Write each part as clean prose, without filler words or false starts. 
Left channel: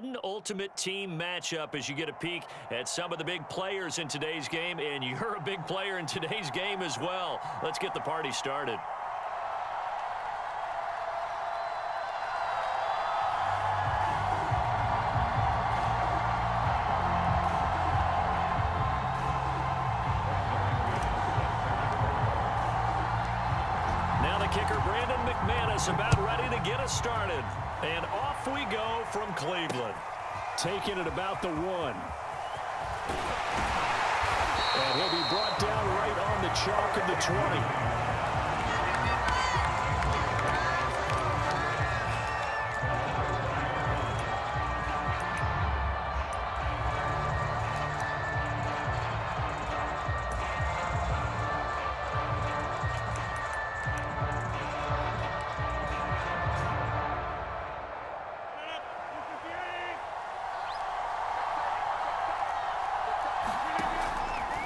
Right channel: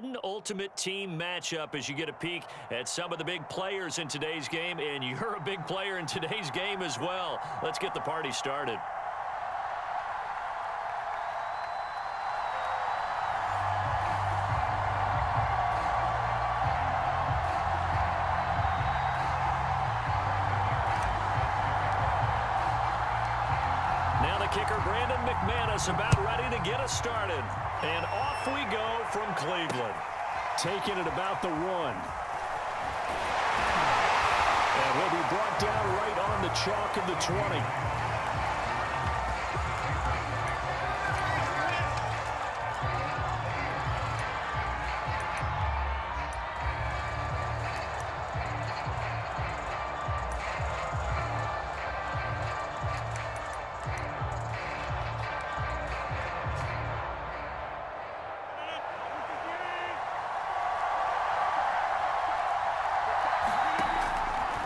Madden Ultimate Team matchup as you get a peek at some of the big players in today's game, and you're a big player in today's game as well. Let's get the party started. Now the kicker, Brandon McManus, about ready to get us started. And off we go from Cleveland. Taking it about the 1. And he'll be brought down right on the chalk of the 20.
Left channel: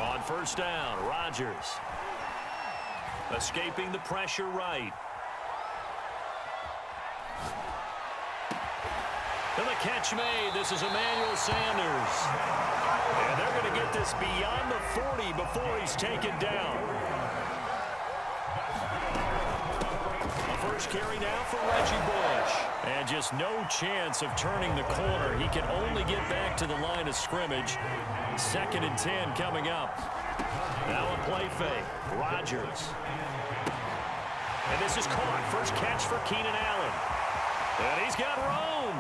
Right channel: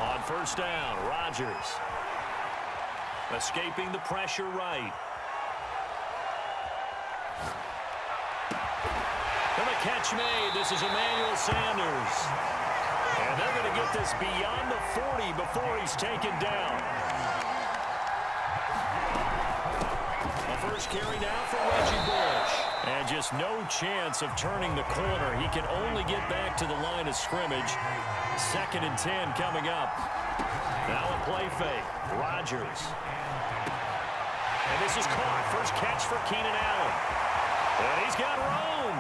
On first down, Rodgers. Escaping the pressure right. And the catch made. This is Emmanuel Sanders. And they're going to get this beyond the 40 before he's taken down. A first carry now for Reggie Bush. And just no chance of turning the corner. He can only get back to the line of scrimmage. 2nd and 10 coming up. Now a play fake. Rodgers. And this is caught. First catch for Keenan Allen. And he's got room.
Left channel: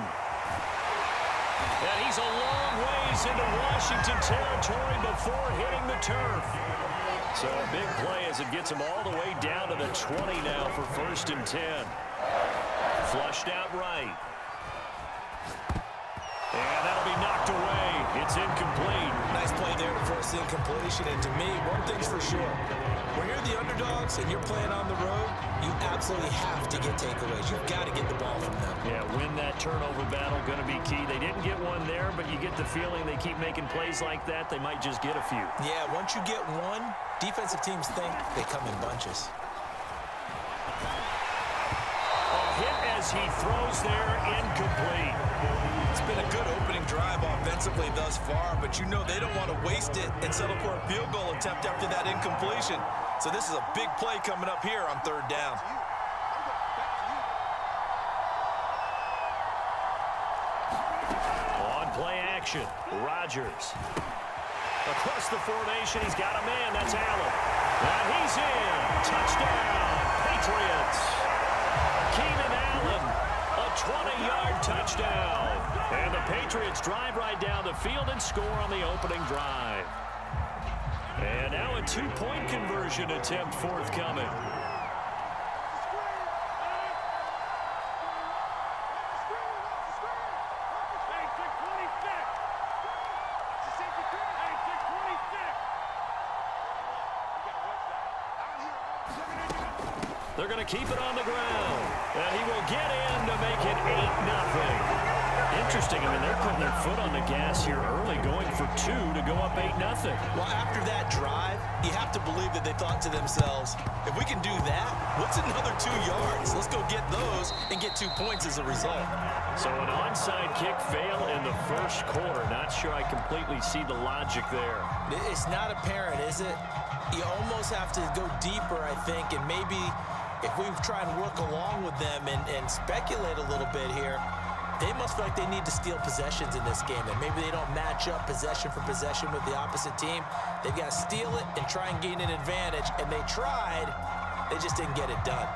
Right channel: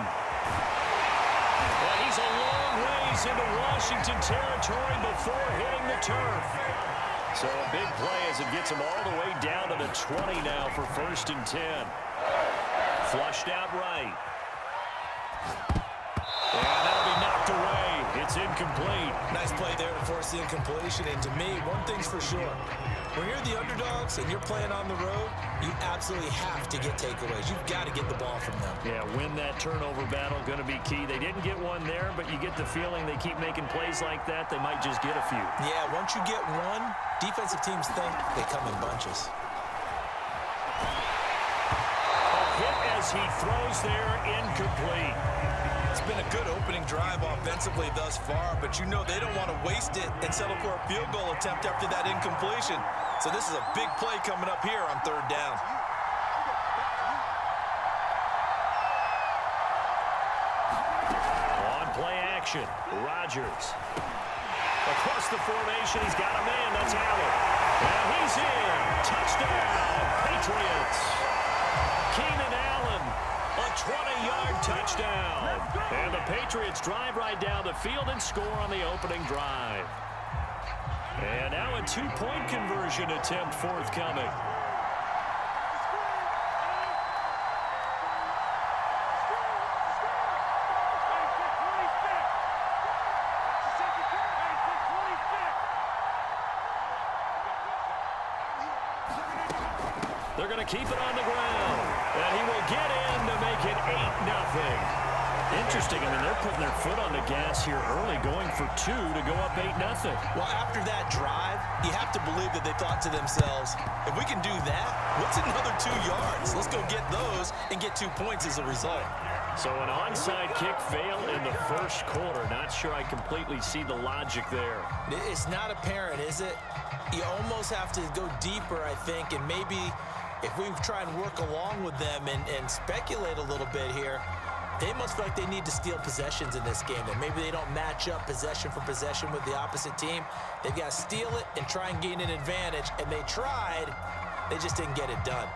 And he's a long ways into Washington territory before hitting the turf. So a big play as it gets him all the way down to the 20 now for 1st and 10. Flushed out right. And that'll be knocked away. It's incomplete. Nice play there to force the incompletion. And to me, one thing's for sure. When you're the underdogs and you're playing on the road, you absolutely have to get takeaways. You've got to get the ball from them. Yeah, win that turnover battle, going to be key. They didn't get one there, but you get the feeling they keep making plays like that, they might just get a few. Yeah, once you get one, defensive teams think they come in bunches. A hit as he throws there, incomplete. It's been a good opening drive offensively thus far, but you know they don't want to waste it and settle for a field goal attempt after that incompletion. So this is a big play coming up here on 3rd down. On play action, Rodgers. Across the formation, he's got a man. That's Allen. Now he's in. Touchdown, Patriots. Keenan Allen, a 20-yard touchdown. And the Patriots drive right down the field and score on the opening drive. And now a 2-point conversion attempt forthcoming. They're going to keep it on the ground. And he will get in to make it 8-0. Interesting. I mean, they're putting their foot on the gas here early, going for 2 to go up 8-0. Well, after that drive, you have to believe that they thought to themselves, if we can do that, what's another 2 yards? Let's go get those and get 2 points as a result. So an onside kick fail in the 1st quarter. Not sure I completely see the logic there. It's not apparent, is it? You almost have to go deeper, I think, and maybe if we try and work along with them and speculate a little bit here, they must feel like they need to steal possessions in this game. That maybe they don't match up possession for possession with the opposite team. They've got to steal it and try and gain an advantage, and they tried. They just didn't get it done.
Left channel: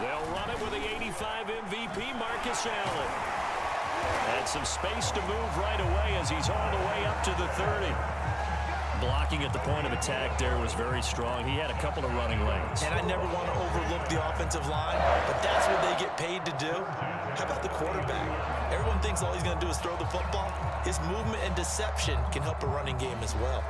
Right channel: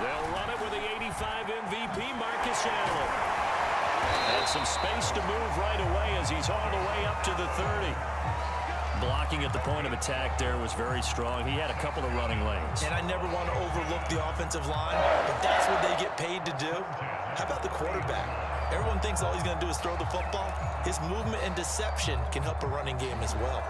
They'll run it with the 85 MVP, Marcus Allen. And some space to move right away as he's all the way up to the 30. Blocking at the point of attack there was very strong. He had a couple of running lanes. And I never want to overlook the offensive line, but that's what they get paid to do. How about the quarterback? Everyone thinks all he's going to do is throw the football. His movement and deception can help a running game as well.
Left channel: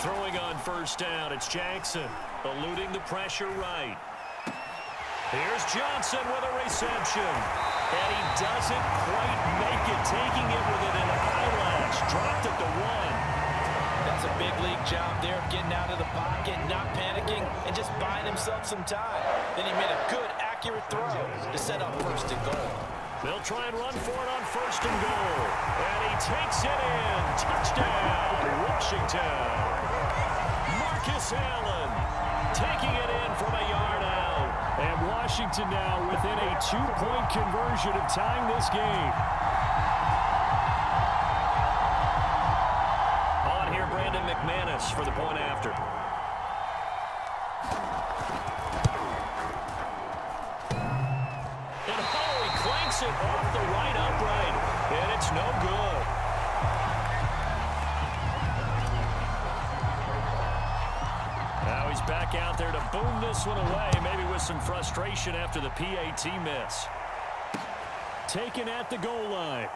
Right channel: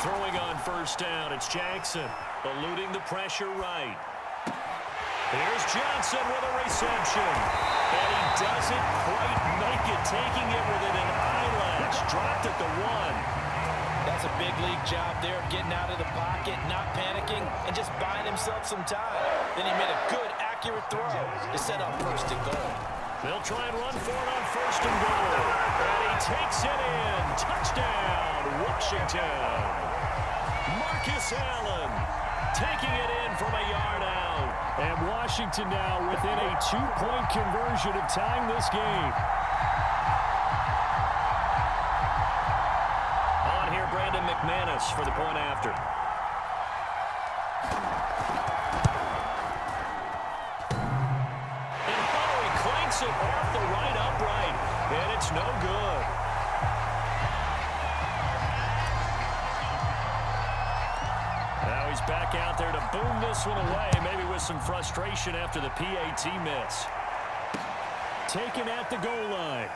Throwing on first down, it's Jackson, eluding the pressure right. Here's Johnson with a reception. And he doesn't quite make it, taking it within an eyelash. Dropped at the 1. That's a big league job there, getting out of the pocket, not panicking, and just buying himself some time. Then he made a good, accurate throw to set up 1st and goal. They'll try and run for it on 1st and goal. And he takes it in. Touchdown, Washington. Marcus Allen taking it in from a yard out. And Washington now within a 2-point conversion of tying this game. On here, Brandon McManus for the point after. And oh, he clanks it off the right upright. And it's no good. Now he's back out there to boom this one away, maybe with some frustration after the PAT miss. Taken at the goal line.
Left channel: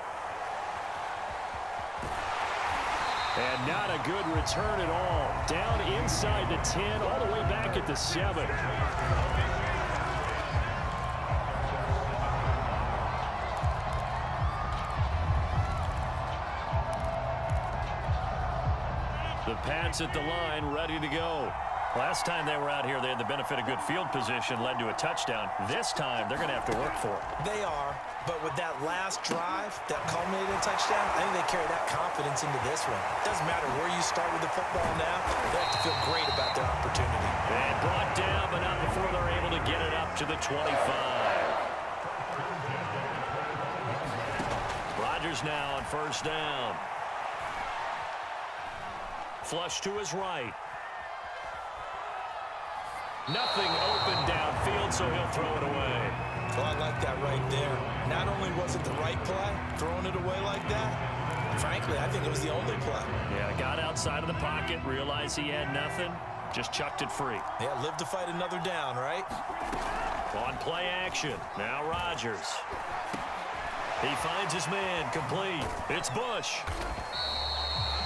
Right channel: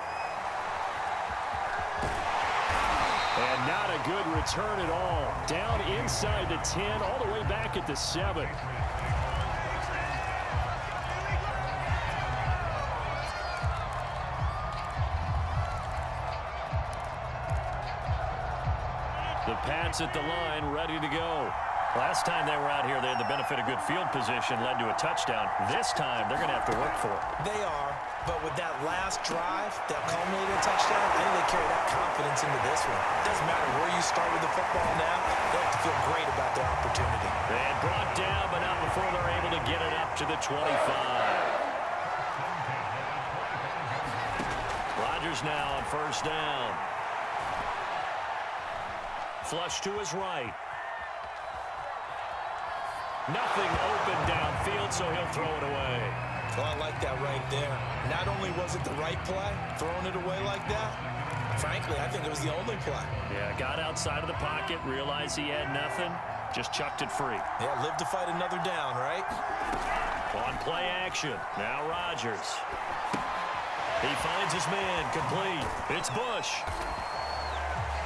And not a good return at all. Down inside the 10, all the way back at the 7. The Pats at the line, ready to go. Last time they were out here, they had the benefit of good field position, led to a touchdown. This time, they're going to have to work for it. They are, but with that last drive that culminated in a touchdown, I think they carry that confidence into this one. Doesn't matter where you start with the football now, they have to feel great about their opportunity. And brought down, but not before they're able to get it up to the 25. Rodgers now on 1st down. Flush to his right. Nothing open downfield, so he'll throw it away. Oh, I like that right there. Not only was it the right play, throwing it away like that, frankly, I think it was the only play. Yeah, got outside of the pocket, realized he had nothing, just chucked it free. Yeah, live to fight another down, right? On play action, now Rodgers. He finds his man, complete. It's Bush.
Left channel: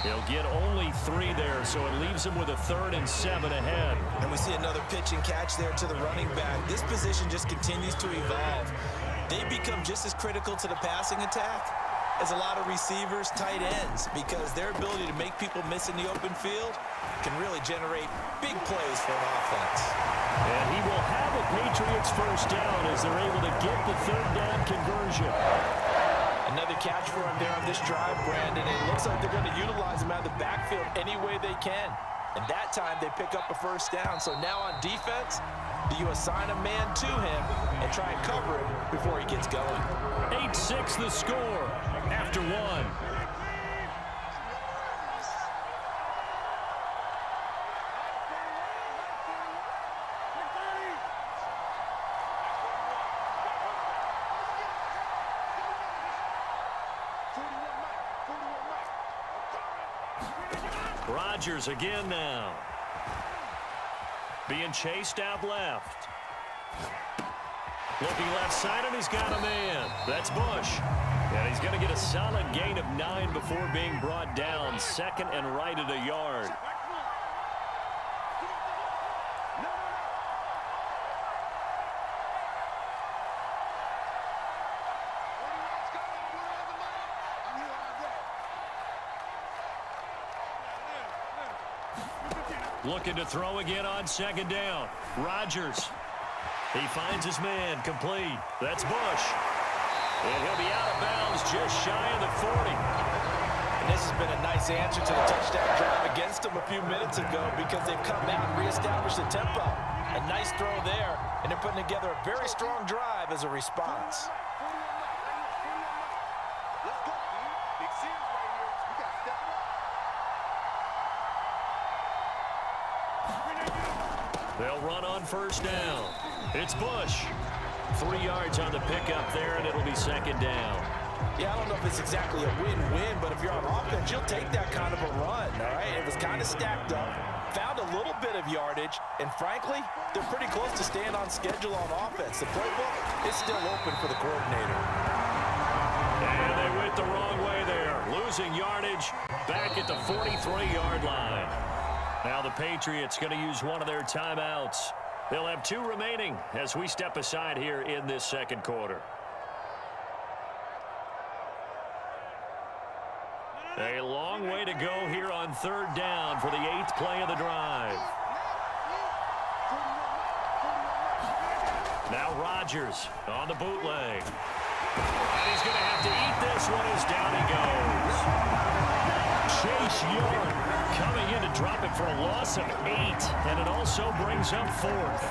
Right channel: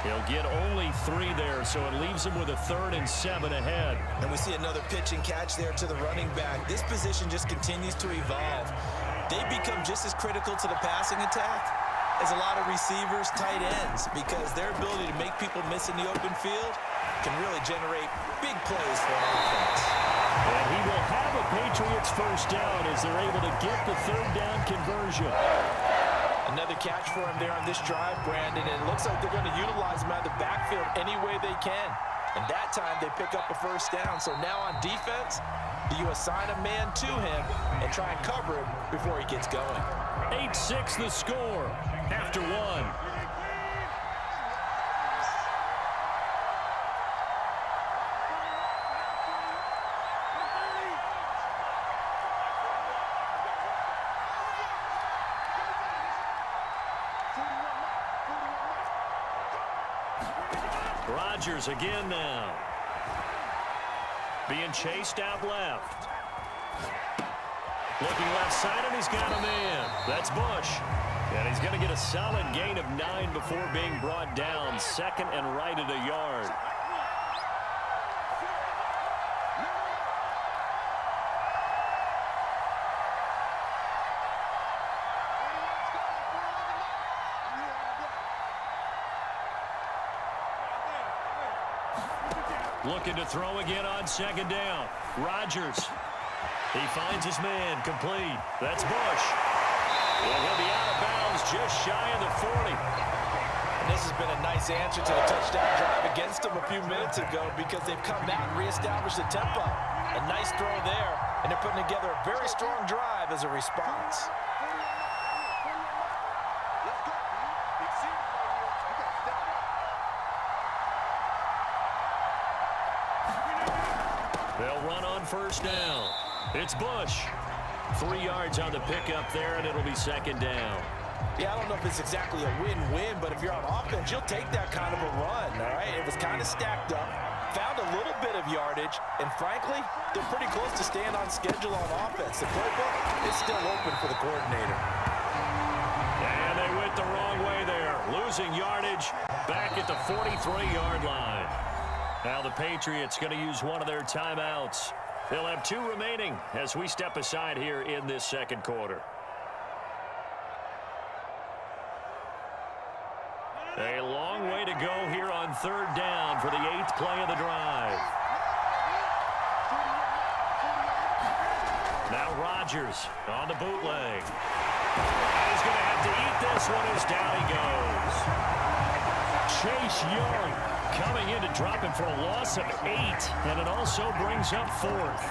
He'll get only 3 there, so it leaves him with a 3rd and 7 ahead. And we see another pitch and catch there to the running back. This position just continues to evolve. They become just as critical to the passing attack as a lot of receivers, tight ends, because their ability to make people miss in the open field can really generate big plays for an offense. And he will have a Patriots 1st down as they're able to get the 3rd down conversion. Another catch for him there on this drive, Brandon, and it looks like they're going to utilize him out of the backfield any way they can. And that time they pick up a 1st down. So now on defense, do you assign a man to him and try and cover him before he gets going? 8-6 the score after 1. Rodgers again now. Being chased out left. Looking left side, and he's got a man. That's Bush. And he's going to get a solid gain of 9 before being brought down. 2nd and right at a yard. Looking to throw again on 2nd down. Rodgers. He finds his man, complete. That's Bush. And he'll be out of bounds just shy of the 40. And this has been a nice answer to the touchdown drive against them a few minutes ago because they've come out and reestablished the tempo. A nice throw there, and they're putting together a very strong drive as a response. They'll run on 1st down. It's Bush. 3 yards on the pickup there, and it'll be 2nd down. Yeah, I don't know if it's exactly a win-win, but if you're on offense, you'll take that kind of a run, all right? It was kind of stacked up, found a little bit of yardage, and frankly, they're pretty close to staying on schedule on offense. The playbook is still open for the coordinator. And they went the wrong way there, losing yardage back at the 43-yard line. Now the Patriots going to use one of their timeouts. They'll have 2 remaining as we step aside here in this second quarter. A long way to go here on 3rd down for the 8th play of the drive. Now Rodgers on the bootleg. And he's going to have to eat this one as down he goes. Chase Young coming in to drop it for a loss of 8, and it also brings up 4th.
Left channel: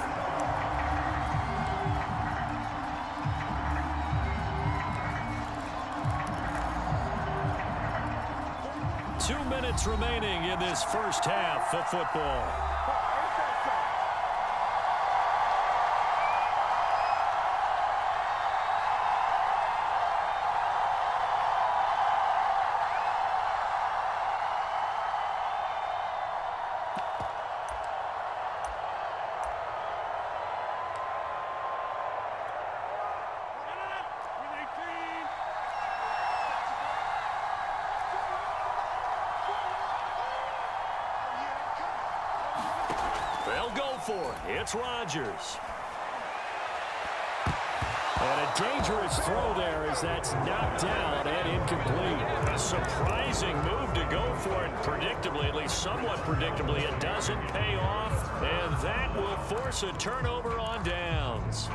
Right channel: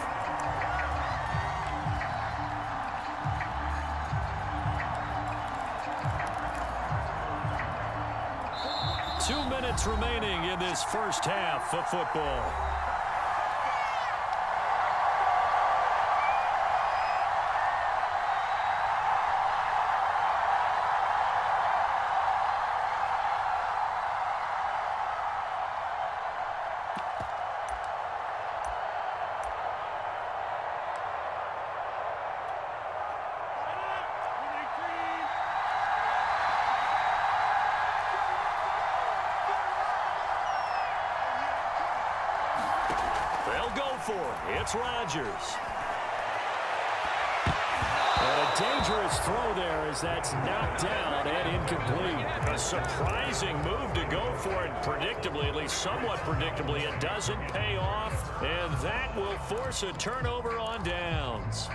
Two minutes remaining in this first half of football. They'll go for it. It's Rodgers. And a dangerous throw there as that's knocked down and incomplete. A surprising move to go for it predictably, at least somewhat predictably. It doesn't pay off, and that will force a turnover on downs.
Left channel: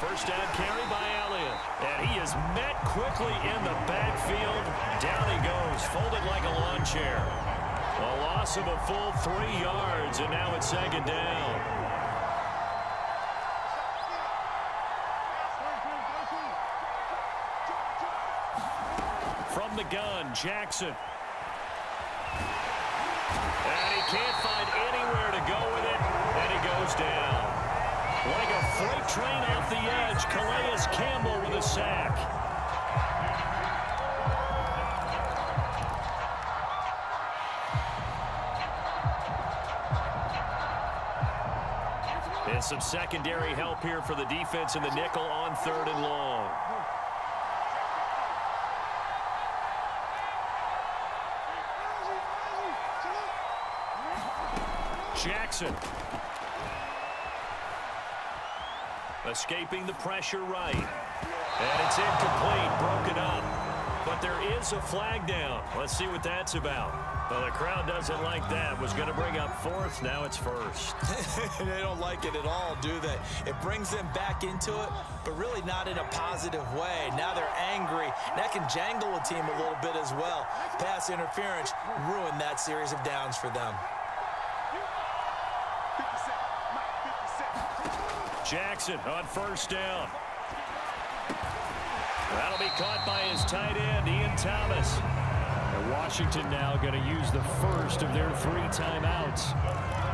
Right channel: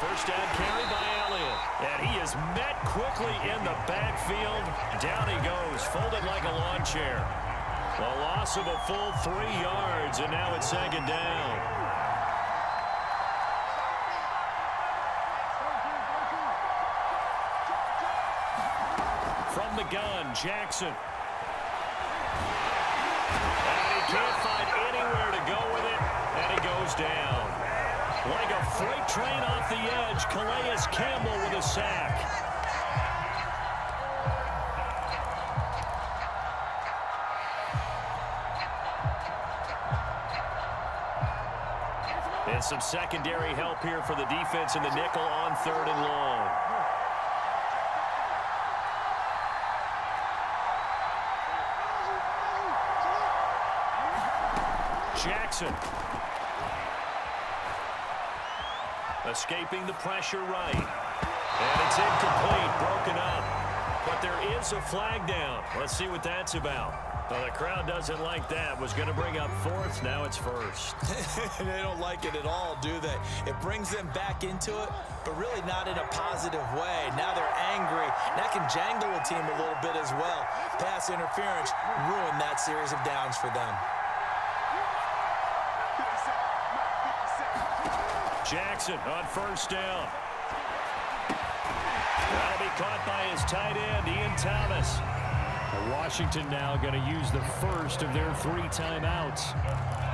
First down carry by Elliott. And he is met quickly in the backfield. Down he goes, folded like a lawn chair. A loss of a full 3 yards, and now it's 2nd down. From the gun, Jackson. And he can't find anywhere to go with it, and he goes down. Like a freight train off the edge, Calais Campbell with a sack. And some secondary help here for the defense in the nickel on 3rd and long. Jackson. Escaping the pressure right. And it's incomplete, broken up. But there is a flag down. Let's see what that's about. Well, the crowd doesn't like that. Was going to bring up 4th. Now it's 1st. They don't like it at all, do they? It brings them back into it, but really not in a positive way. Now they're angry. That can jangle a team a little bit as well. Pass interference ruined that series of downs for them. Jackson on 1st down. That'll be caught by his tight end, Ian Thomas. And Washington now going to use the first of their 3 timeouts.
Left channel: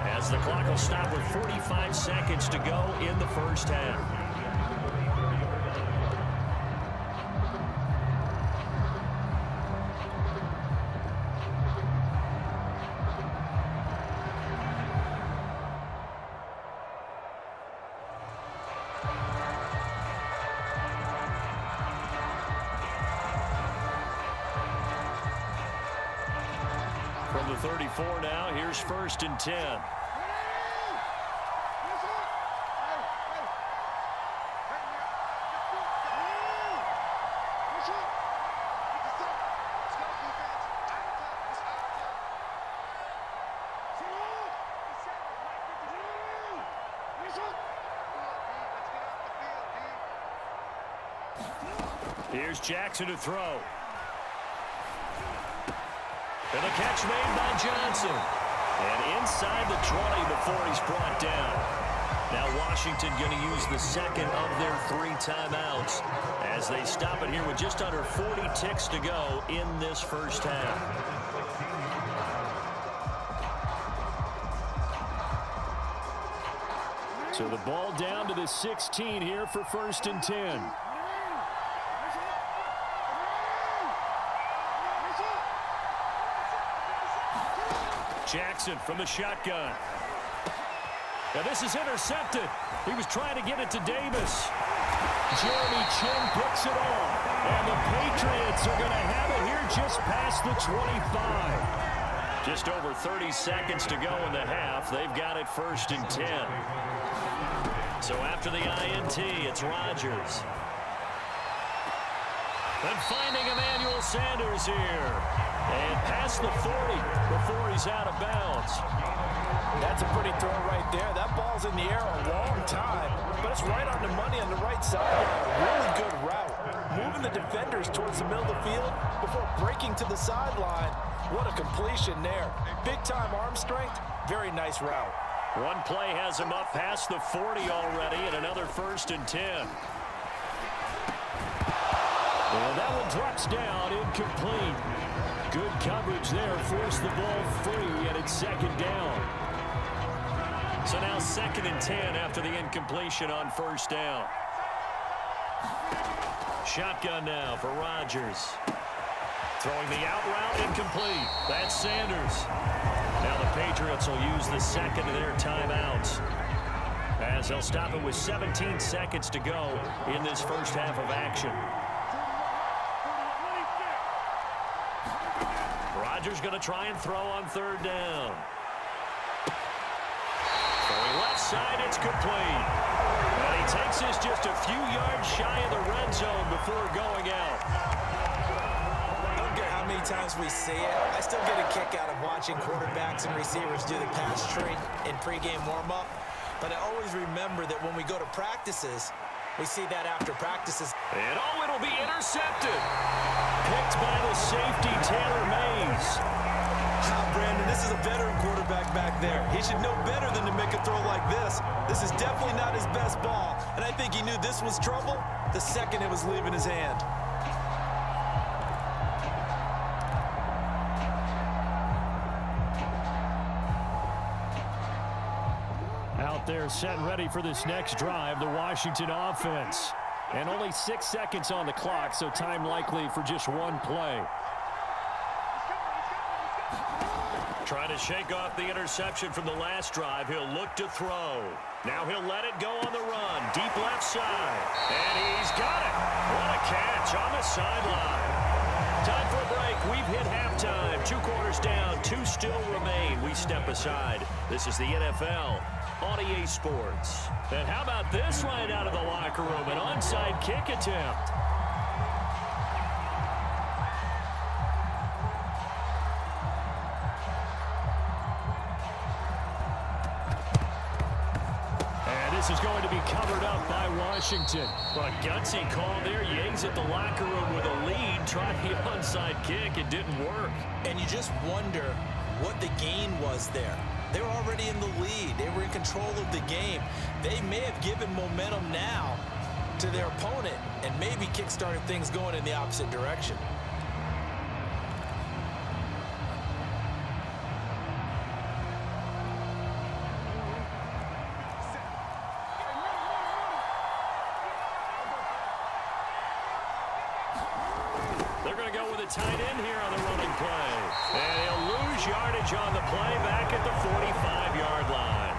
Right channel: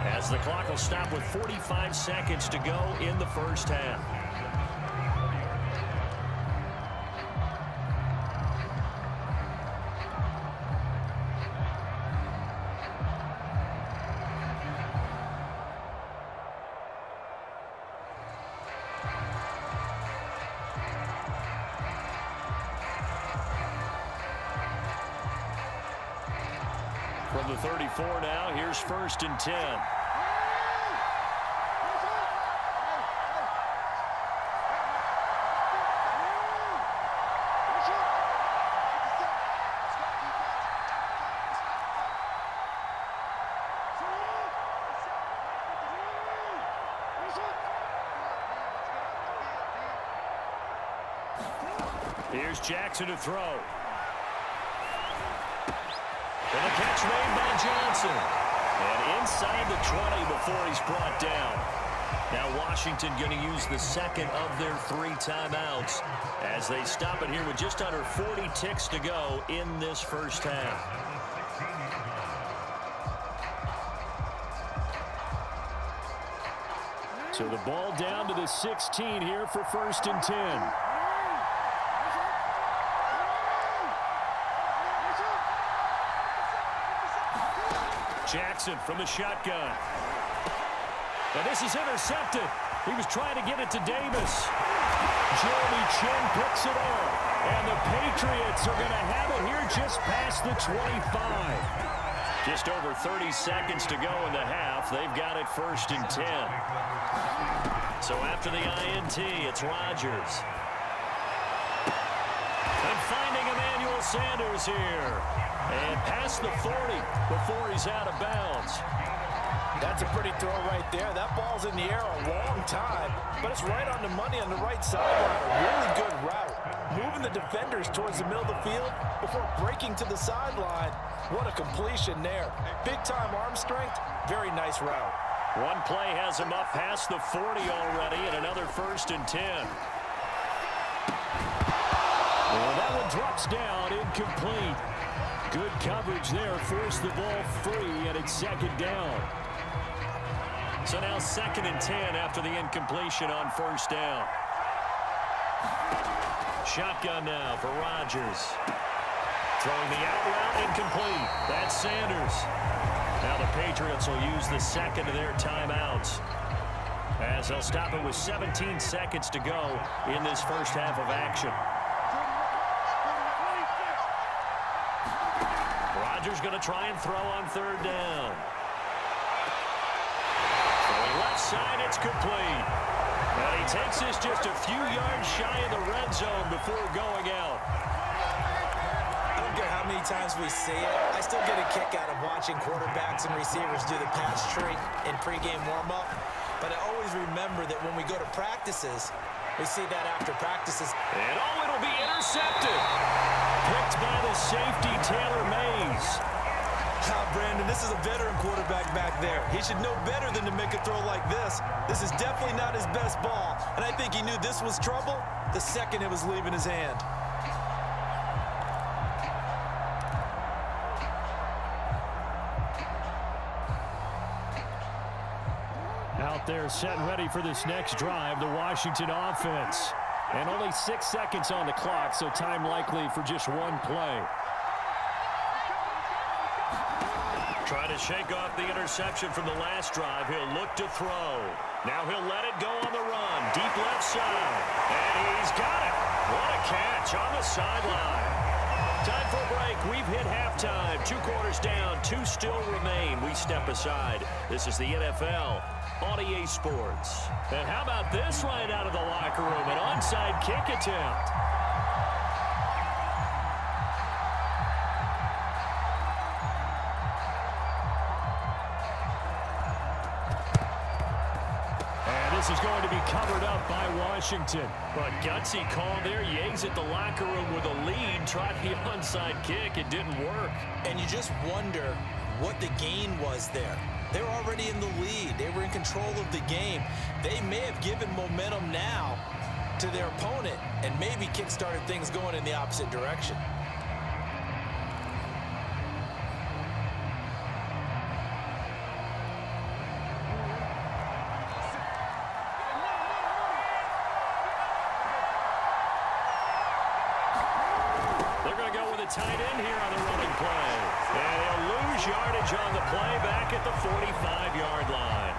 As the clock will stop with 45 seconds to go in the first half. From the 34 now, here's 1st and 10. Here's Jackson to throw. And the catch made by Johnson. And inside the 20 before he's brought down. Now Washington going to use the second of their 3 timeouts as they stop it here with just under 40 ticks to go in this first half. So the ball down to the 16 here for 1st and 10. Jackson from the shotgun. Now this is intercepted. He was trying to get it to Davis. Jeremy Chin picks it off. And the Patriots are going to have it here just past the 25. Just over 30 seconds to go in the half. They've got it 1st and 10. So after the INT, it's Rodgers. And finding Emmanuel Sanders here. And past the 40 before he's out of bounds. That's a pretty throw right there. That ball's in the air a long time, but it's right on the money on the right sideline. A really good route. Moving the defenders towards the middle of the field before breaking to the sideline. What a completion there. Big-time arm strength. Very nice route. One play has him up past the 40 already, and another 1st and 10. Well, that one drops down, incomplete. Good coverage there, forced the ball free, and it's 2nd down. So now 2nd and 10 after the incompletion on 1st down. Shotgun now for Rodgers. Throwing the out route, incomplete. That's Sanders. Now the Patriots will use the 2nd of their timeouts, as they'll stop it with 17 seconds to go in this first half of action. Rodgers going to try and throw on 3rd down. Throwing left side, it's complete. And he takes this just a few yards shy of the red zone before going out. I don't care how many times we see it. I still get a kick out of watching quarterbacks and receivers do the pass tree in pregame warm-up. But I always remember that when we go to practices, we see that after practices. And oh, it'll be intercepted. Picked by the safety, Taylor Mays. Brandon, this is a veteran quarterback back there. He should know better than to make a throw like this. This is definitely not his best ball, and I think he knew this was trouble the second it was leaving his hand. Out there set and ready for this next drive, the Washington offense. And only 6 seconds on the clock, so time likely for just one play. Trying to shake off the interception from the last drive. He'll look to throw. Now he'll let it go on the run. Deep left side. And he's got it. What a catch on the sideline. Time for a break. We've hit halftime. 2 quarters down. 2 still remain. We step aside. This is the NFL on EA Sports. And how about this right out of the locker room? An onside kick attempt. This is going to be covered up by Washington. But gutsy call there. Yates at the locker room with a lead. Tried the onside kick. It didn't work. And you just wonder what the gain was there. They were already in the lead. They were in control of the game. They may have given momentum now to their opponent and maybe kick-started things going in the opposite direction. Tight end here on the running play. And he'll lose yardage on the play back at the 45-yard line.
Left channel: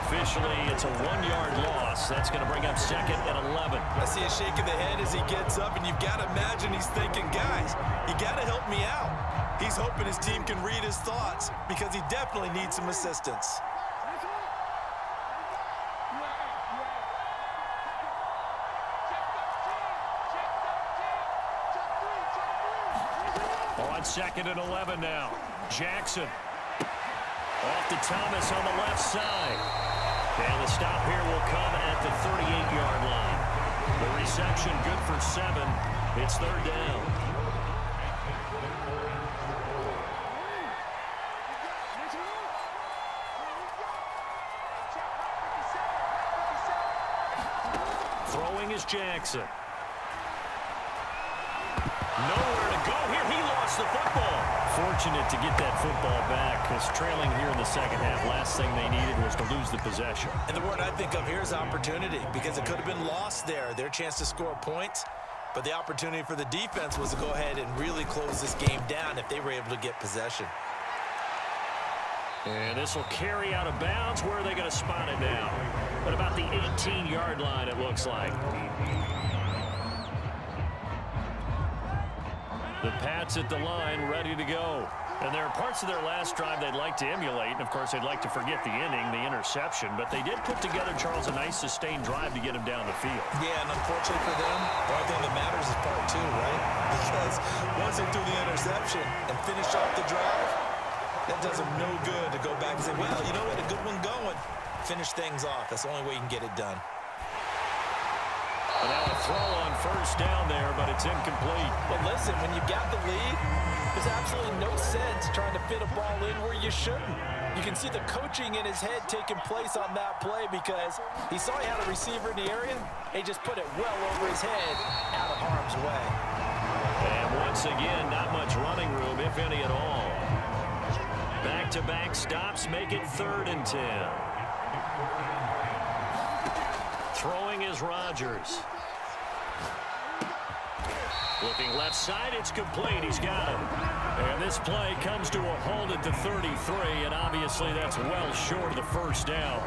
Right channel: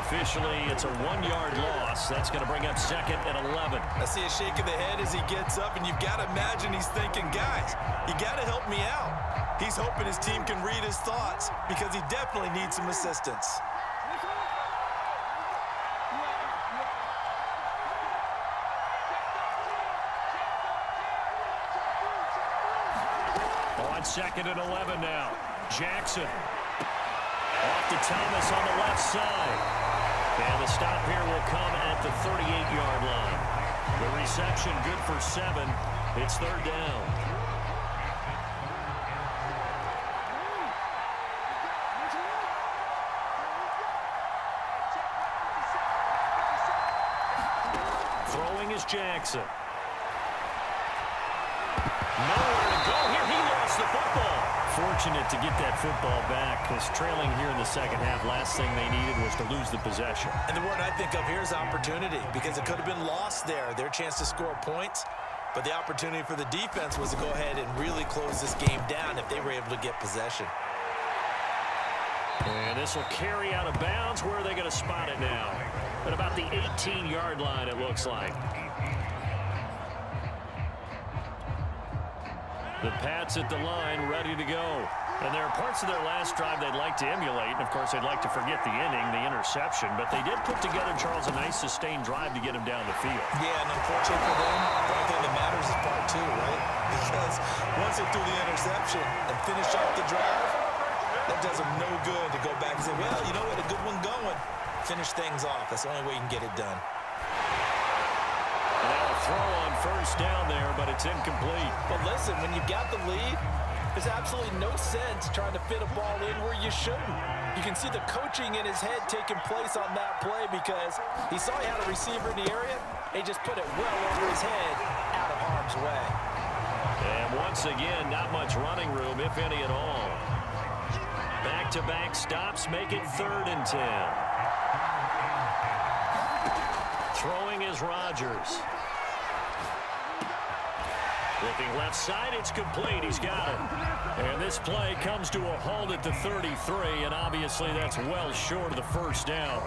Officially, it's a 1-yard loss. That's going to bring up 2nd and 11. I see a shake of the head as he gets up, and you've got to imagine he's thinking, guys, you got to help me out. He's hoping his team can read his thoughts because he definitely needs some assistance. On 2nd and 11 now. Jackson. Off to Thomas on the left side. And the stop here will come at the 38-yard line. The reception good for 7. It's 3rd down. Throwing is Jackson. Nowhere to go here. He lost the football. fortunate to get that football back because trailing here in the second half, last thing they needed was to lose the possession. And the word I think of here is opportunity, because it could have been lost there, their chance to score points. But the opportunity for the defense was to go ahead and really close this game down if they were able to get possession. And this will carry out of bounds. Where are they going to spot it now? At about the 18-yard line, it looks like. The Pats at the line, ready to go. And there are parts of their last drive they'd like to emulate. And, of course, they'd like to forget the inning, the interception. But they did put together, Charles, a nice sustained drive to get him down the field. Yeah, and unfortunately for them, the only thing that matters is part two, right? Because once they threw the interception and finished off the drive, that does them no good to go back and say, well, you know, we had a good one going. Finish things off. That's the only way you can get it done. And now a throw on first down there, but it's incomplete. But listen, when you've got the lead, there's absolutely no sense trying to fit a ball in where you shouldn't. You can see the coaching in his head taking place on that play because he saw he had a receiver in the area. He just put it well over his head, out of harm's way. And once again, not much running room, if any at all. Back-to-back stops make it 3rd and 10. Throwing is Rodgers. Looking left side, it's complete. He's got it. And this play comes to a halt at the 33, and obviously that's well short of the first down.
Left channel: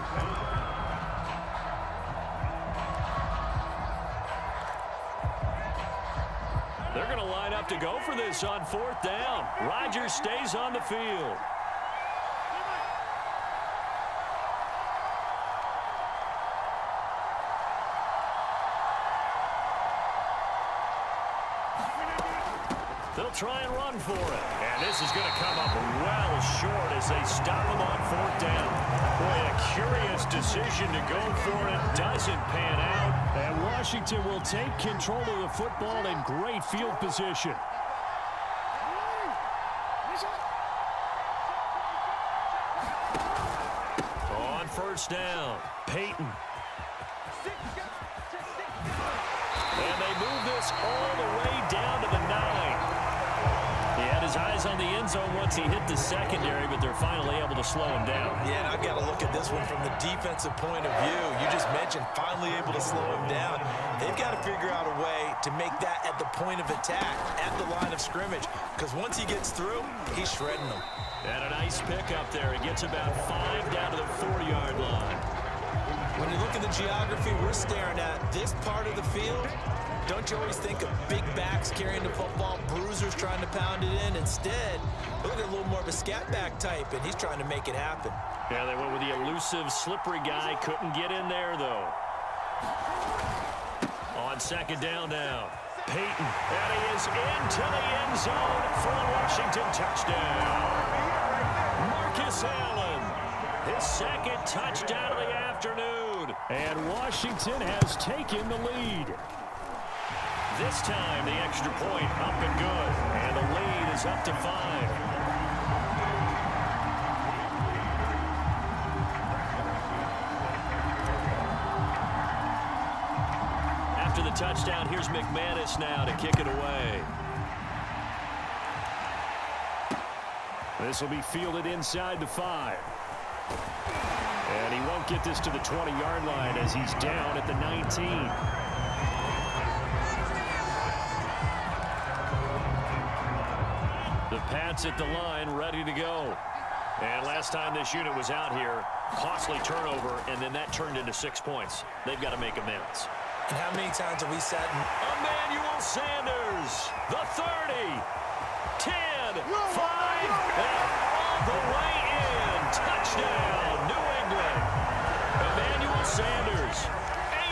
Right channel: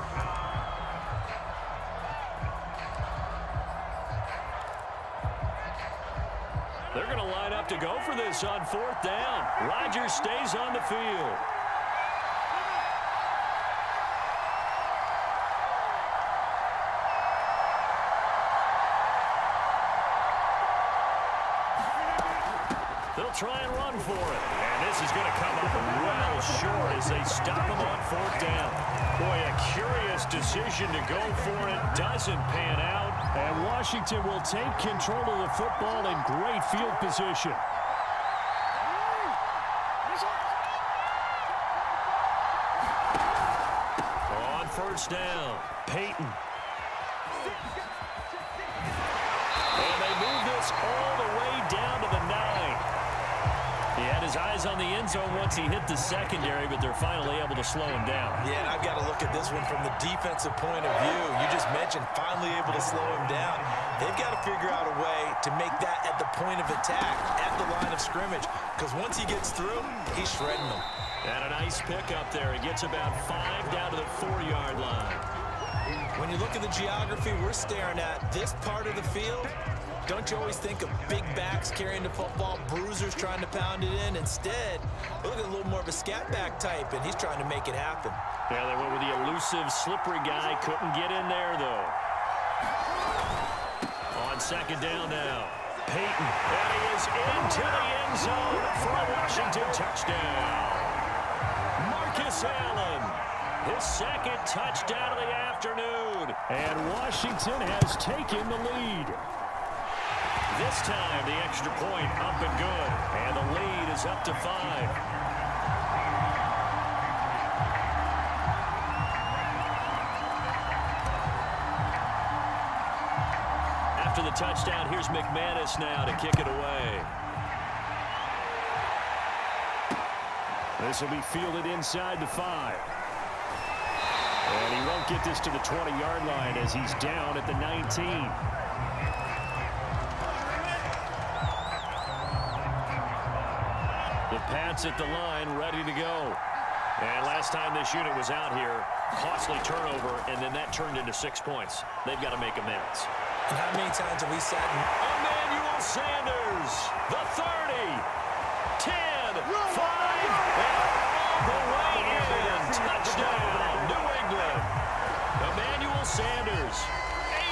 They're going to line up to go for this on 4th down. Rodgers stays on the field. They'll try and run for it. And this is going to come up well short as they stop him on 4th down. Boy, a curious decision to go for it. Doesn't pan out. And Washington will take control of the football in great field position. On 1st down, Peyton. And they move this all the way down to the 9. He had his eyes on the end zone once he hit the secondary, but they're finally able to slow him down. Yeah, and I've got to look at this one from the defensive point of view. You just mentioned finally able to slow him down. They've got to figure out a way to make that at the point of attack, at the line of scrimmage, because once he gets through, he's shredding them. And a nice pick up there. He gets about 5 down to the 4-yard line. When you look at the geography we're staring at, this part of the field, don't you always think of big backs carrying the football, bruisers trying to pound it in? Instead, look at a little more of a scat back type, and he's trying to make it happen. Yeah, they went with the elusive, slippery guy. Couldn't get in there, though. On 2nd down now, Peyton. And he is into the end zone for a Washington touchdown. Marcus Allen, his 2nd touchdown of the afternoon. And Washington has taken the lead. This time, the extra point up and good. And the lead is up to 5. After the touchdown, here's McManus now to kick it away. This will be fielded inside the 5. And he won't get this to the 20-yard line as he's down at the 19. The Pats at the line, ready to go. And last time this unit was out here, costly turnover, and then that turned into 6 points. They've got to make amends. And how many times have we sat in... Emmanuel Sanders, the 30, 10, 5, and all the way in. Touchdown, New England. Emmanuel Sanders,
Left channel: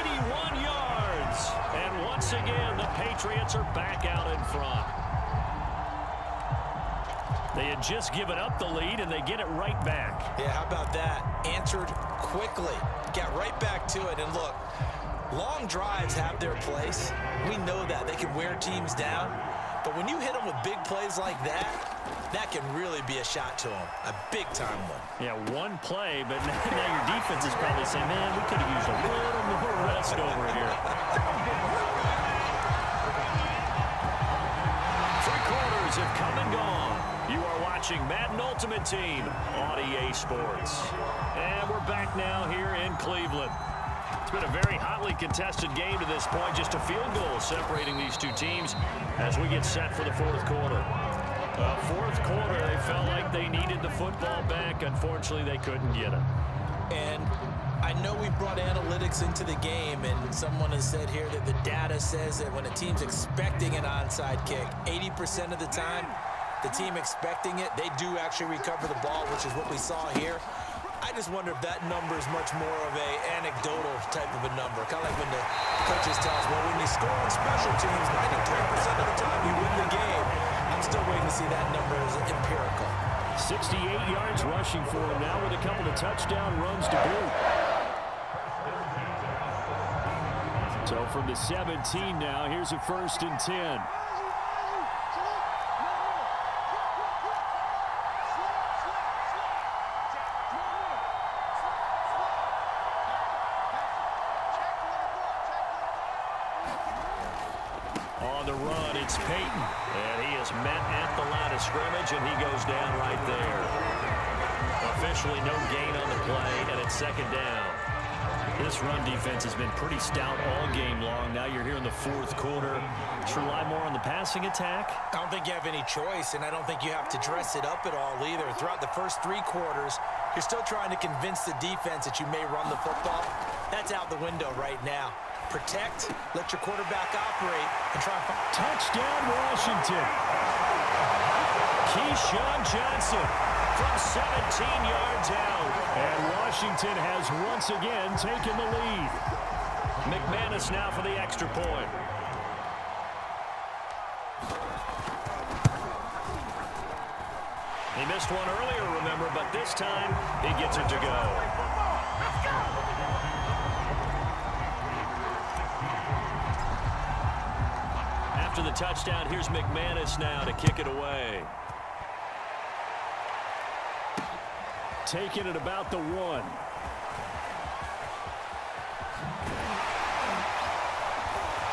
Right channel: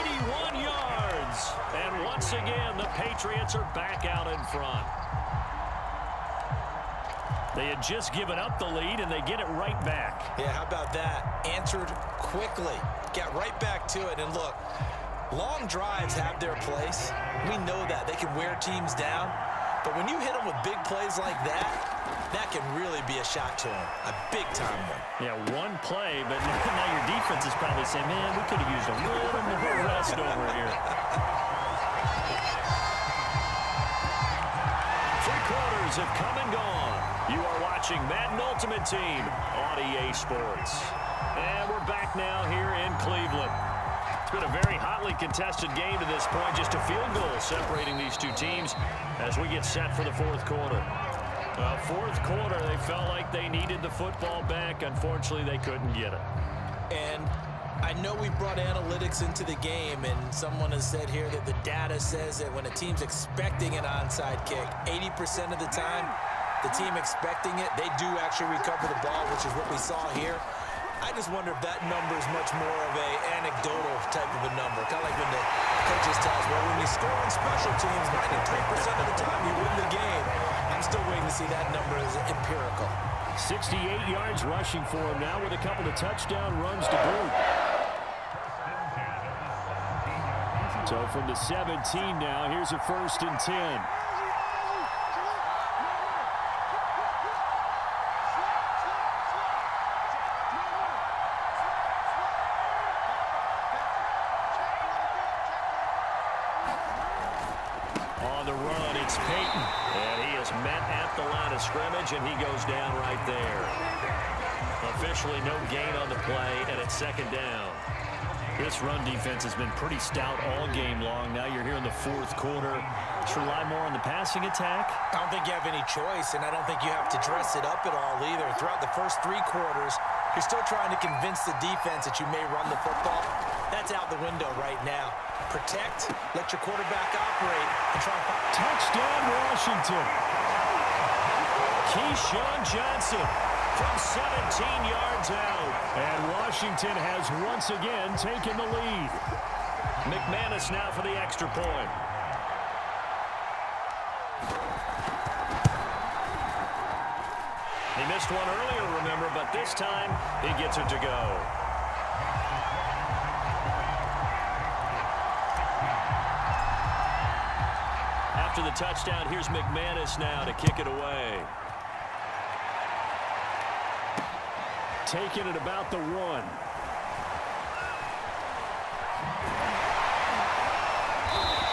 81 yards. And once again, the Patriots are back out in front. They had just given up the lead, and they get it right back. Yeah, how about that? Answered quickly. Got right back to it. And look, long drives have their place. We know that. They can wear teams down. But when you hit them with big plays like that, that can really be a shot to them. A big-time one. Yeah, one play, but now your defense is probably saying, man, we could have used a little more rest over here. 3 quarters players have come and gone. You are watching Madden Ultimate Team on EA Sports. And we're back now here in Cleveland. It's been a very hotly contested game to this point. Just a field goal separating these two teams as we get set for the fourth quarter. Well, fourth quarter, they felt like they needed the football back. Unfortunately, they couldn't get it. And I know we brought analytics into the game, and someone has said here that the data says that when a team's expecting an onside kick, 80% of the time, the team expecting it, they do actually recover the ball, which is what we saw here. I just wonder if that number is much more of a anecdotal type of a number. Kind of like when the coaches tell us, well, when you score on special teams, 93% of the time you win the game. I'm still waiting to see that number as empirical. 68 yards rushing for him now with a couple of touchdown runs to boot. So from the 17 now, here's a 1st and 10. On the run, it's Peyton. And he is met at the line of scrimmage, and he goes down right there. Officially no gain on the play, and it's 2nd down. This run defense has been pretty stout all game long. Now you're here in the fourth quarter. Should rely more on the passing attack? I don't think you have any choice, and I don't think you have to dress it up at all either. Throughout the first 3 quarters, you're still trying to convince the defense that you may run the football. That's out the window right now. Protect, let your quarterback operate, and try and find... Touchdown, Washington. Keyshawn Johnson from 17 yards out. And Washington has once again taken the lead. McManus now for the extra point. He missed one earlier, remember, but this time he gets it to go. After the touchdown, here's McManus now to kick it away. Taking it about the 1.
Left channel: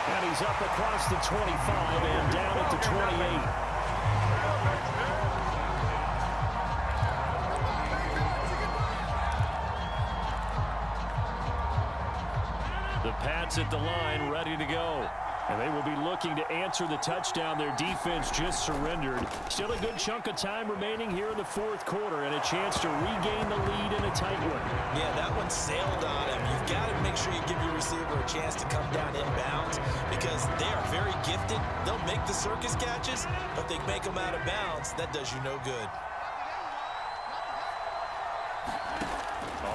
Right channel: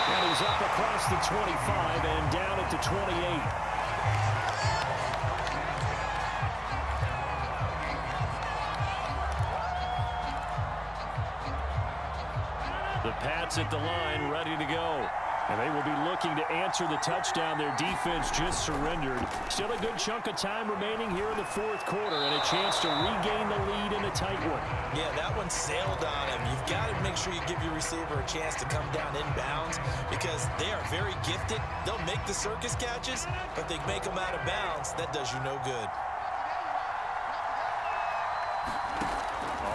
And he's up across the 25 and down at the 28. The Pats at the line, ready to go. And they will be looking to answer the touchdown their defense just surrendered. Still a good chunk of time remaining here in the fourth quarter and a chance to regain the lead in a tight one. Yeah, that one sailed on him. You've got to make sure you give your receiver a chance to come down inbounds because they are very gifted. They'll make the circus catches, but they make them out of bounds. That does you no good.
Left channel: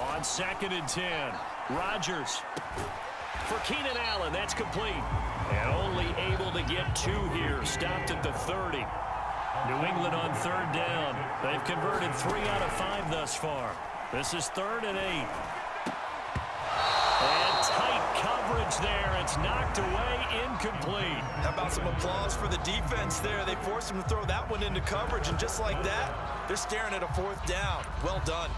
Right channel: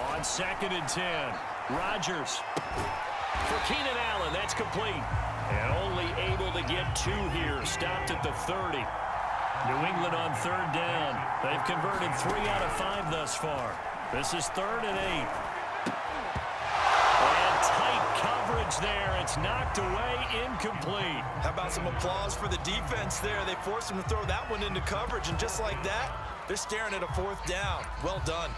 On 2nd and 10, Rodgers for Keenan Allen. That's complete. And only able to get 2 here. Stopped at the 30. New England on 3rd down. They've converted 3 out of 5 thus far. This is 3rd and 8. And tight coverage there. It's knocked away, incomplete. How about some applause for the defense there? They forced him to throw that one into coverage, and just like that, they're staring at a 4th down. Well done.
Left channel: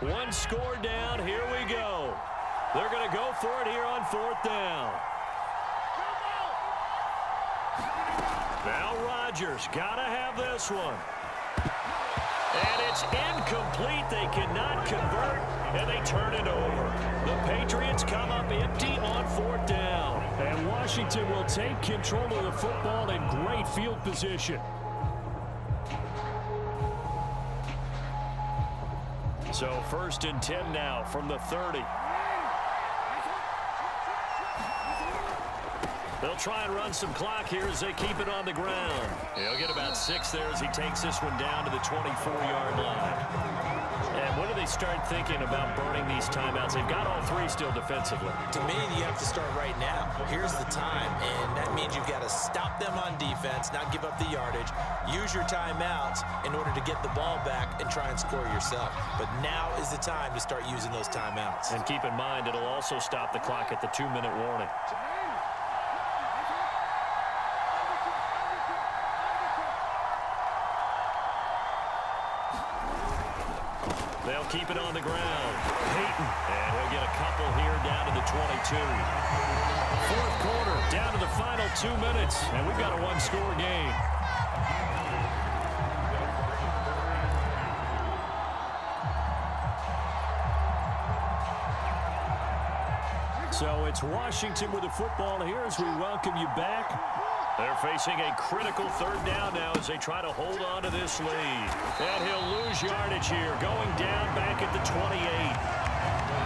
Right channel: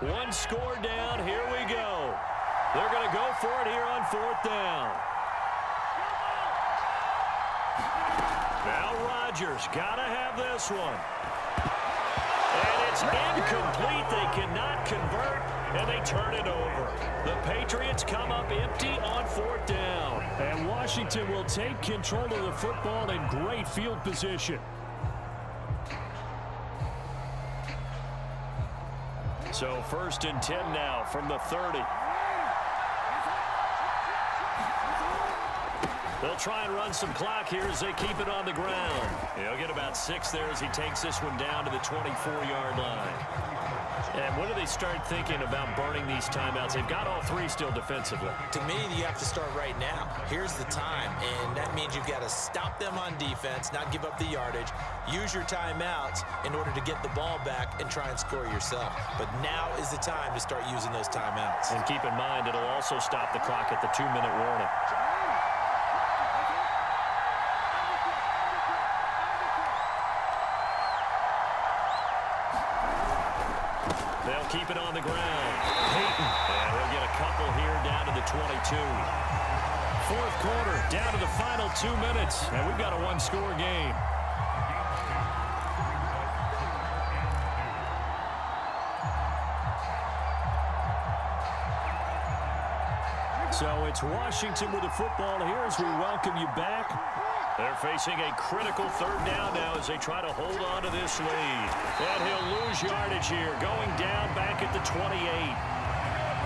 One score down. Here we go. They're going to go for it here on 4th down. Now Rodgers got to have this one. And it's incomplete. They cannot convert, and they turn it over. The Patriots come up empty on 4th down. And Washington will take control of the football in great field position. So 1st and 10 now from the 30. They'll try and run some clock here as they keep it on the ground. He'll get about 6 there as he takes this one down to the 24-yard line. And when do they start thinking about burning these timeouts? They've got all three still defensively. To me, you have to start right now. Here's the time, and that means you've got to stop them on defense, not give up the yardage, use your timeouts in order to get the ball back and try and score yourself. But now is the time to start using those timeouts. And keep in mind, it'll also stop the clock at the 2-minute warning. They'll keep it on the ground. Peyton, and he'll get a couple here down to the 22. Fourth quarter, down to the final 2 minutes, and we've got a one-score game. So it's Washington with the football here as we welcome you back. They're facing a critical third down now as they try to hold on to this lead. And he'll lose yardage here, going down back at the 28.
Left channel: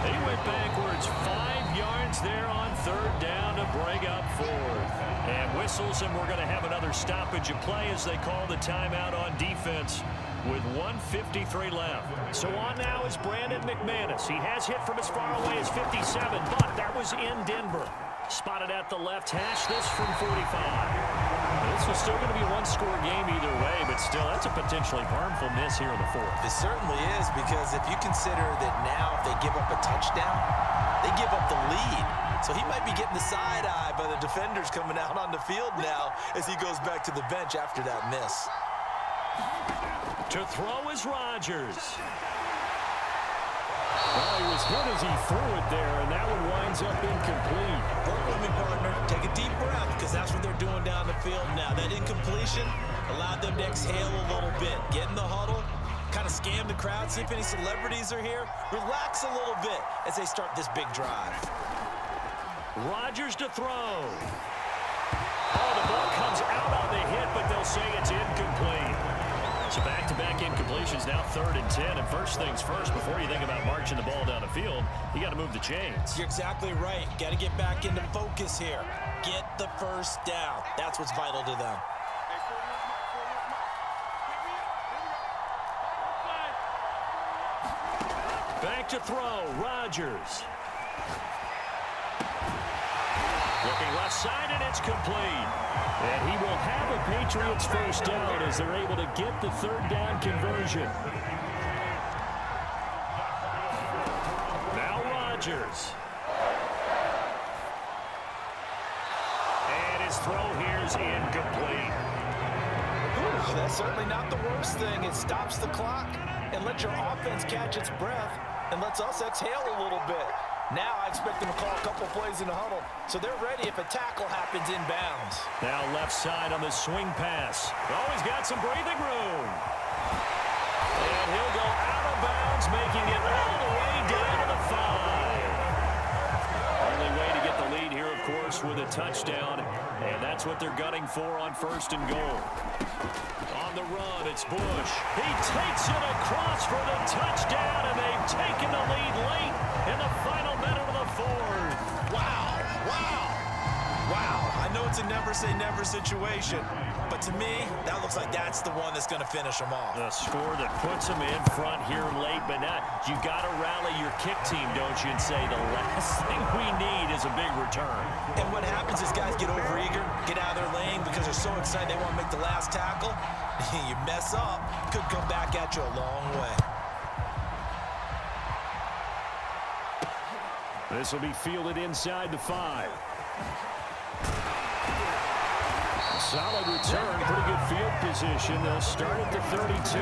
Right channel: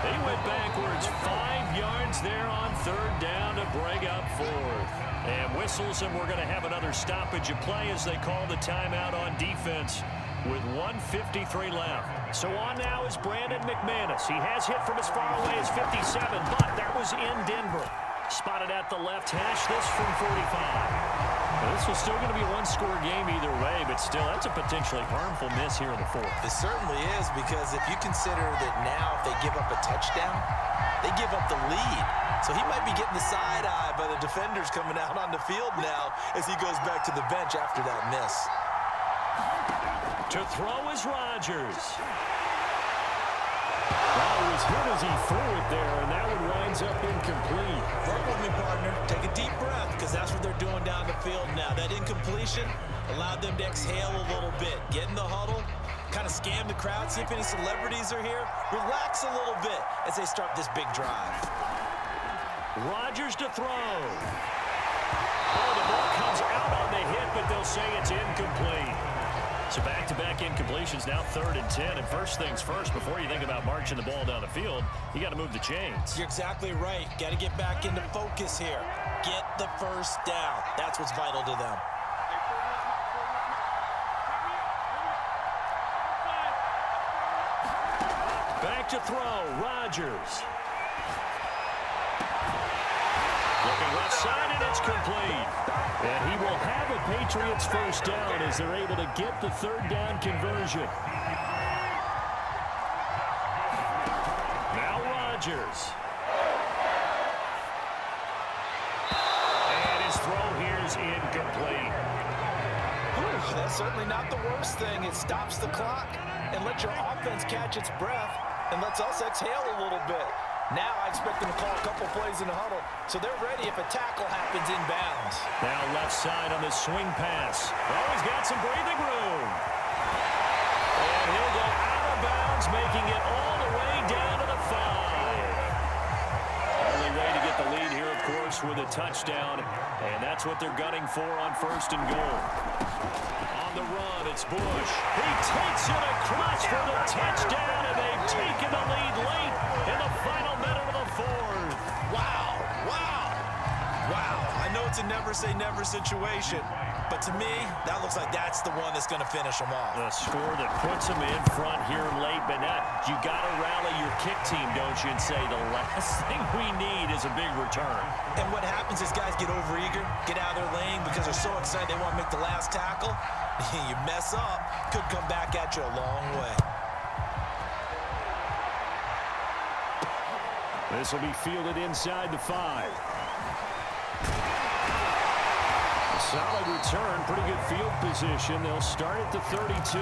He went backwards 5 yards there on third down to bring up fourth. And whistles, and we're going to have another stoppage of play as they call the timeout on defense with 1:53 left. So on now is Brandon McManus. He has hit from as far away as 57, but that was in Denver. Spotted at the left hash, this from 45. Now, this was still going to be a one-score game either way, but still, that's a potentially harmful miss here in the fourth. It certainly is, because if you consider that now if they give up a touchdown, they give up the lead. So he might be getting the side eye by the defenders coming out on the field now as he goes back to the bench after that miss. To throw is Rodgers. Well, he was hit as he threw it there, and that one winds up incomplete. Work with me, partner. Take a deep breath, because that's what they're doing down the field now. That incompletion allowed them to exhale a little bit. Get in the huddle, kind of scan the crowd, see if any celebrities are here. Relax a little bit as they start this big drive. Rodgers to throw. Oh, the ball comes out on the hit, but they'll say it's incomplete. So back-to-back incompletions, now 3rd and 10. And first things first, before you think about marching the ball down the field, you got to move the chains. You're exactly right. Got to get back into focus here. Get the first down. That's what's vital to them. Back to throw, Rodgers. Looking left side, and it's complete. And he will have a Patriots first down as they're able to get the third down conversion. Now Rodgers. And his throw here's incomplete. Whew, that's certainly not the worst thing. It stops the clock and lets your offense catch its breath and lets us exhale a little bit. Now I expect them to call a couple plays in the huddle, so they're ready if a tackle happens inbounds. Now left side on the swing pass. Oh, he's got some breathing room. And he'll go out of bounds, making it all the way down to the 5. Only way to get the lead here, of course, with a touchdown, and that's what they're gunning for on 1st and goal. On the run, it's Bush. He takes it across for the touchdown, and they've taken the lead late in the final minute of the 4th. Wow, wow, wow. I know it's a never-say-never situation, but to me, that looks like that's the one that's going to finish them off. The score that puts them in front here late, but now you got to rally your kick team, don't you, and say the last thing we need is a big return. And what happens is guys get overeager, get out of their lane because they're so excited they want to make the last tackle. You mess up, could come back at you a long way. This will be fielded inside the 5. A solid return, pretty good field position. They'll start at the 32.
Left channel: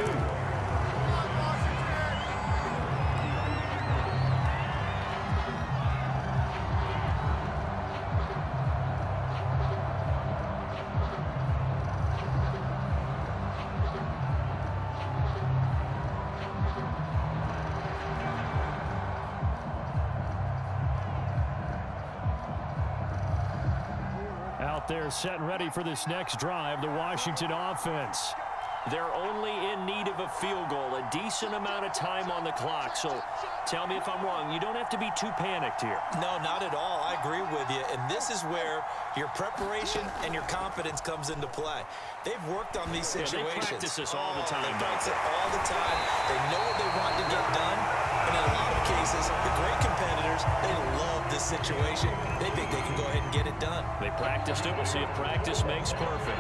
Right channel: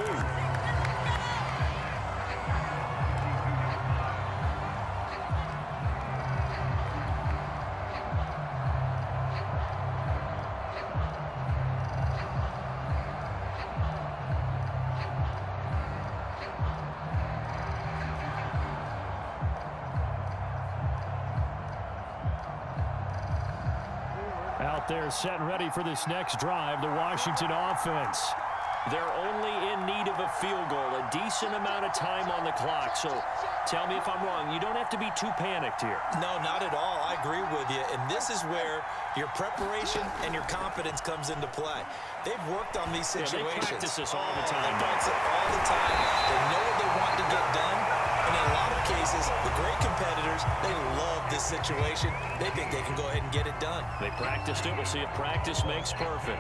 Out there set and ready for this next drive, the Washington offense. They're only in need of a field goal, a decent amount of time on the clock. So tell me if I'm wrong. You don't have to be too panicked here. No, not at all. I agree with you. And this is where your preparation and your confidence comes into play. They've worked on these situations. Yeah, they practice this all the time. They practice it all the time. They know what they want to get done. And in a lot of cases, the great competitors, they love this situation. They think they can go ahead and get it done. They practiced it. We'll see if practice makes perfect.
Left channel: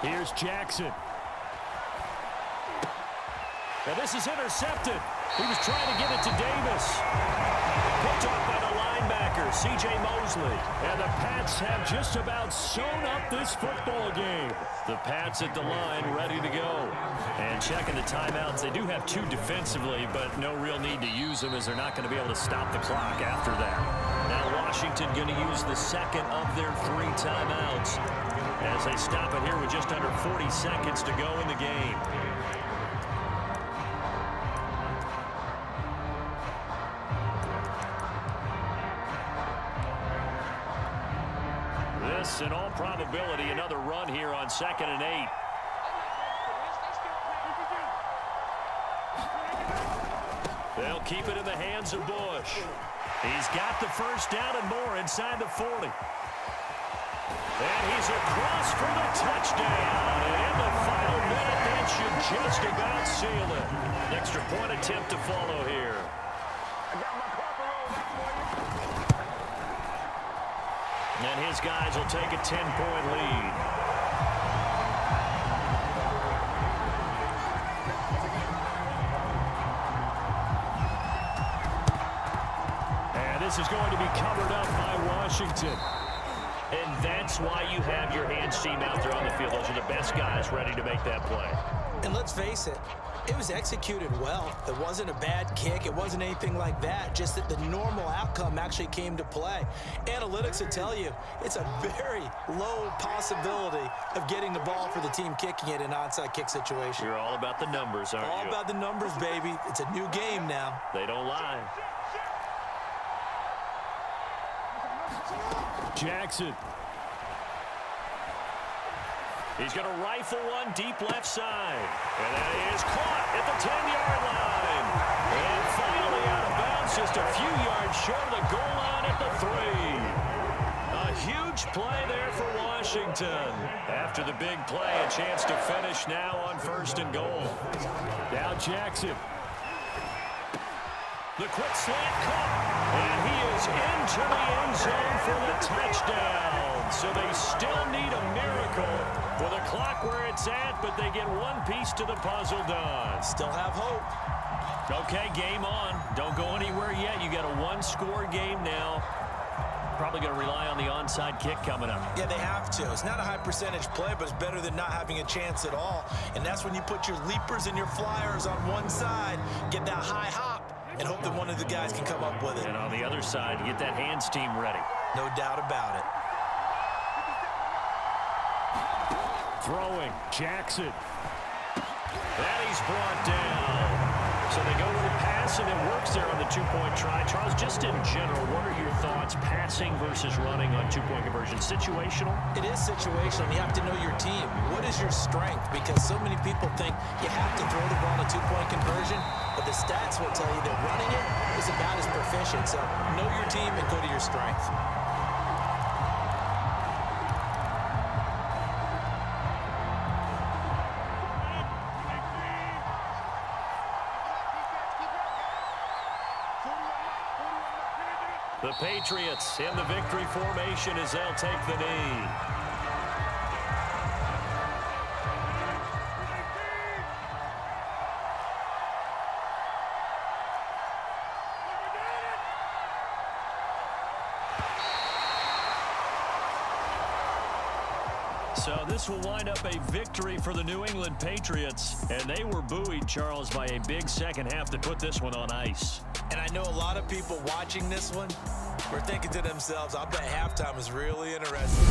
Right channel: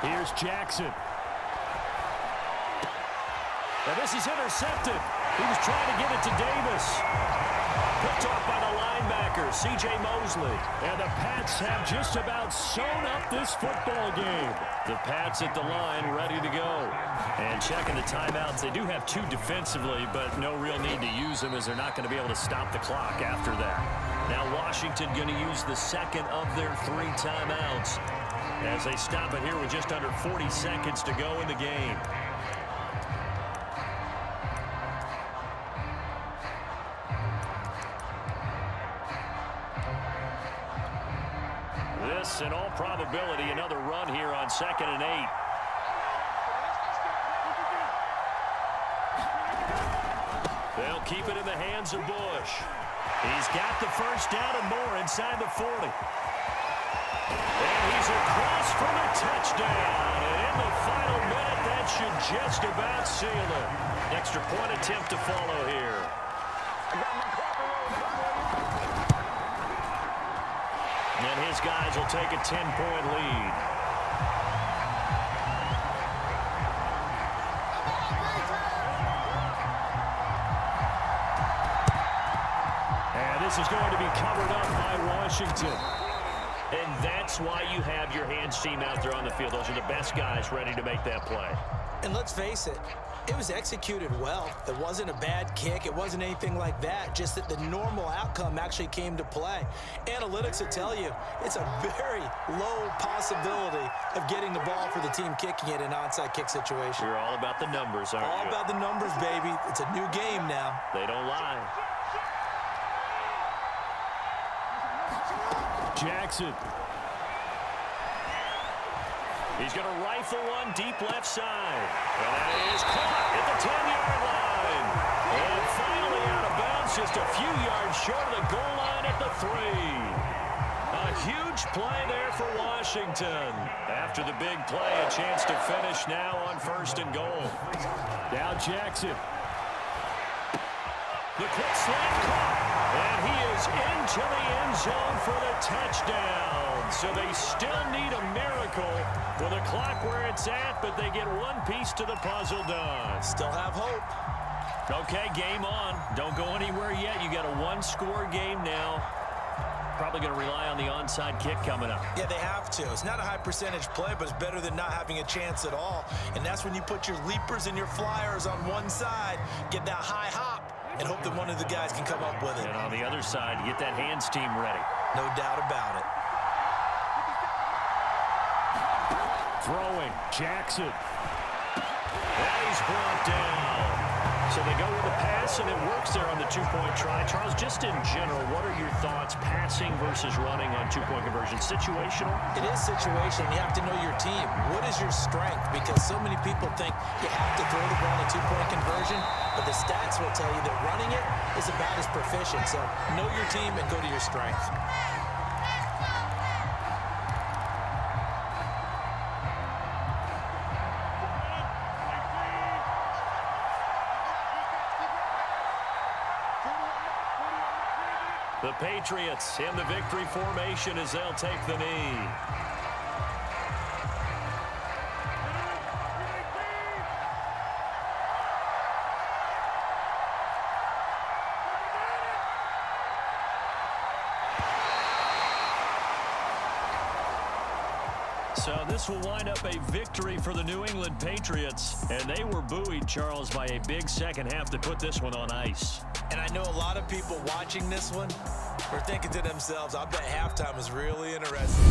Here's Jackson. Now this is intercepted. He was trying to get it to Davis. Picked off by the linebacker, C.J. Mosley. And the Pats have just about sewn up this football game. The Pats at the line, ready to go. And checking the timeouts. They do have 2 defensively, but no real need to use them as they're not going to be able to stop the clock after that. Now Washington going to use the second of their 3 timeouts as they stop it here with just under 40 seconds to go in the game. This, in all probability, another run here on 2nd and 8. They'll keep it in the hands of Bush. He's got the first down and more inside the 40. And he's across for the touchdown. And in the final minute, that should just about seal it. Extra point attempt to follow here. I got my Carper rolled up for you. And his guys will take a 10-point lead. And this is going to be covered up by Washington. And that's why you have your hands team out there on the field. Those are the best guys ready to make that play. And let's face it, it was executed well. It wasn't a bad kick. It wasn't anything like that. Just that the normal outcome actually came to play. Analytics will tell you it's a very low possibility of getting the ball for the team kicking it in an onside kick situation. You're all about the numbers, aren't you? All about the numbers, baby. It's a new game now. They don't lie. Jackson. He's going to rifle one deep left side. And that is caught at the 10-yard line. And finally out of bounds, just a few yards short of the goal line at the 3. A huge play there for Washington. After the big play, a chance to finish now on 1st and goal. Now Jackson. The quick slant caught. And he is into the end zone for the touchdown. So they still need a miracle with a clock where it's at, but they get one piece to the puzzle done. Still have hope. Okay, game on. Don't go anywhere yet. You got a 1-score game now. Probably going to rely on the onside kick coming up. Yeah, they have to. It's not a high percentage play, but it's better than not having a chance at all. And that's when you put your leapers and your flyers on one side, get that high hop, and hope that one of the guys can come up with it. And on the other side, you get that hands team ready. No doubt about it. Throwing. Jackson. And he's brought down. So they go with a pass, and it works there on the 2-point try. Charles, just in general, what are your thoughts passing versus running on 2-point conversion? Situational? It is situational. You have to know your team. What is your strength? Because so many people think you have to throw the ball in a 2-point conversion, but the stats will tell you that running it is about as proficient. So know your team and go to your strength. The Patriots in the victory formation as they'll take the knee. So this will wind up a victory for the New England Patriots. And they were buoyed, Charles, by a big second half to put this one on ice. And I know a lot of people watching this one were thinking to themselves, I bet halftime is really interesting.